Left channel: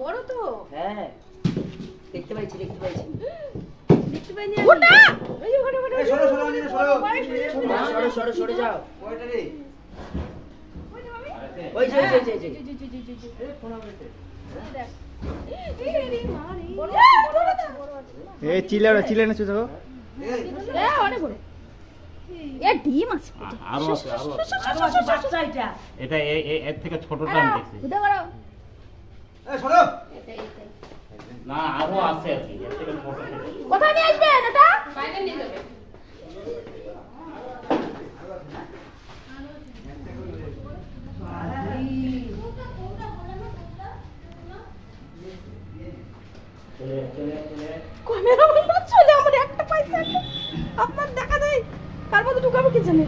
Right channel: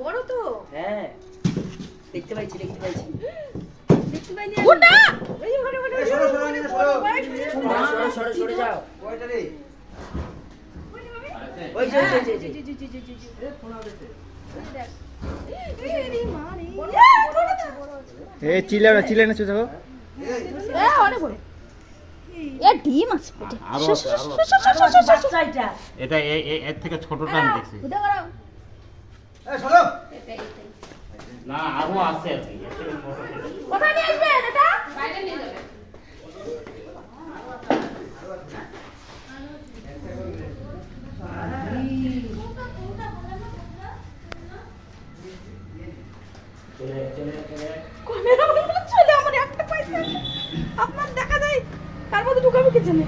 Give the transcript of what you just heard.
বড় তো। হ্যাঁ দেখতে পাইছি দেখতে পাইনি। ওটা ওই ওখানে সরে যাও ওই যে এই চিলে না চুষাবো অনেক বড় এ ডিম আছে আরো আছে বাচ্চা এটা এটা এর থেকে ছোটটা আমি দেখছি ওটা করো না আরো আছে আর কি এর থেকে ছোট ছিল কোথায় নিয়ে আসবেন এটা বাইরে নিয়ে যাবে। ক্যামেরা চলে আমার একটা পয়সা আপনার দেখা যায় তার মধ্যে ঢুকাবো কি জানে